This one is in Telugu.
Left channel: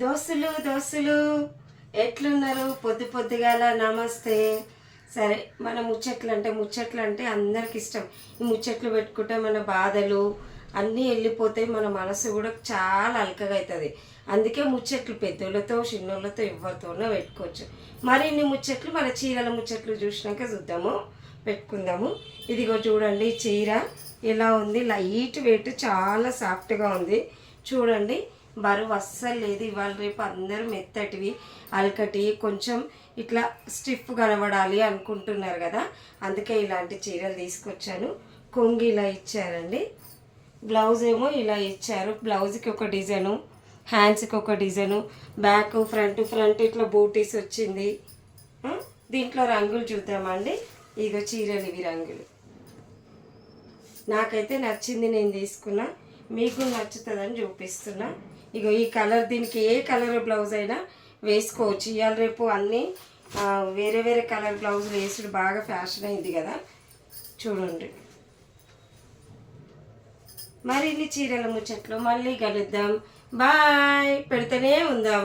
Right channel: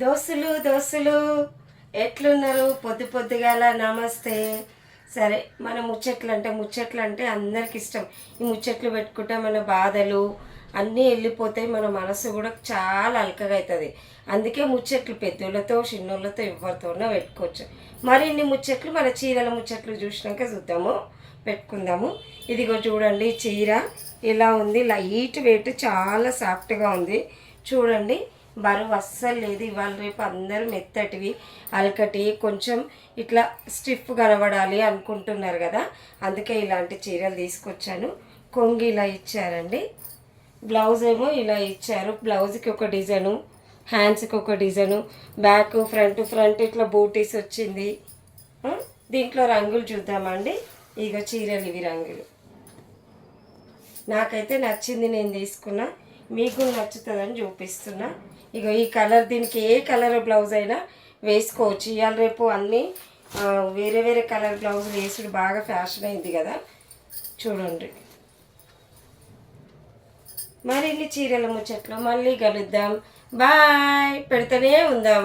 దోస్తులు ఎట్లున్నారు? పొద్దుగాల నమస్తే. సరే, మన ముచ్చట్లు అంటే అందరికి ఇష్టం. ఈ ముచ్చట్లు పెట్టుకుంటే మన బాధలు అన్నీ వెళ్ళిపోతాయి, మన మనసు కూడా చాలా అలకగా అవుతుంది. అందుకే ముచ్చట్లు పెద్దోళ్ళతో చిన్నోళ్ళతో ఎవరితోనో పెట్టుకోవచ్చు. మరిన్ని ముచ్చట్లు మన చీరల ముచ్చట్లు చూసినాక చూద్దాము, పెట్టుకుందాము. ఇదిగో చూడండి, చీర ఇలా ఉంది, లైట్ వెయిట్, చాలా సాఫ్ట్గా ఉంది. చూడండి, బరువు అస్సలు లేదు. ఇవాళ రేపు అందరూ మెత్తటివి, అలకటి, కొంచెం ఇట్లా స్టిఫ్ కనబడాలి అనుకుంటున్నారు కదా, అందుకే ఇలాంటి చీరలు తీసుకొచ్చాను. కొంగు ఇలా ఇచ్చారండి, బ్లౌజ్ ఏమో ఇలా ఇచ్చారు. బ్లౌజ్కి ఒక డిజైను, హ్యాండ్స్కి ఒక డిజైను, బ్యాక్ ఫ్రంట్ ఇట్లా బూటీస్ వచ్చింది. దీంట్లో రంగులు చూద్దామండి. ఇక చీరలు ఇవి రంగులు నాకైతే నచ్చింది, నేను తీసుకున్నా. మీకు నచ్చుతుందని చూపిస్తున్నా. ఇక ఈ కలర్, దీనికి ఏ కలర్ బ్లౌజ్ అయినా వేసుకోవచ్చు. ఇవాళ రేపు అన్నీ వేరే వేరే కలర్ బ్లౌజ్ వేసుడు బాగా ఫ్యాషన్ అయింది కదా. చూడండి, మరిన్ని చీరల ముచ్చట్లు మళ్ళీ కలుద్దాం. బాయ్, పెడితేనే ఉందాం.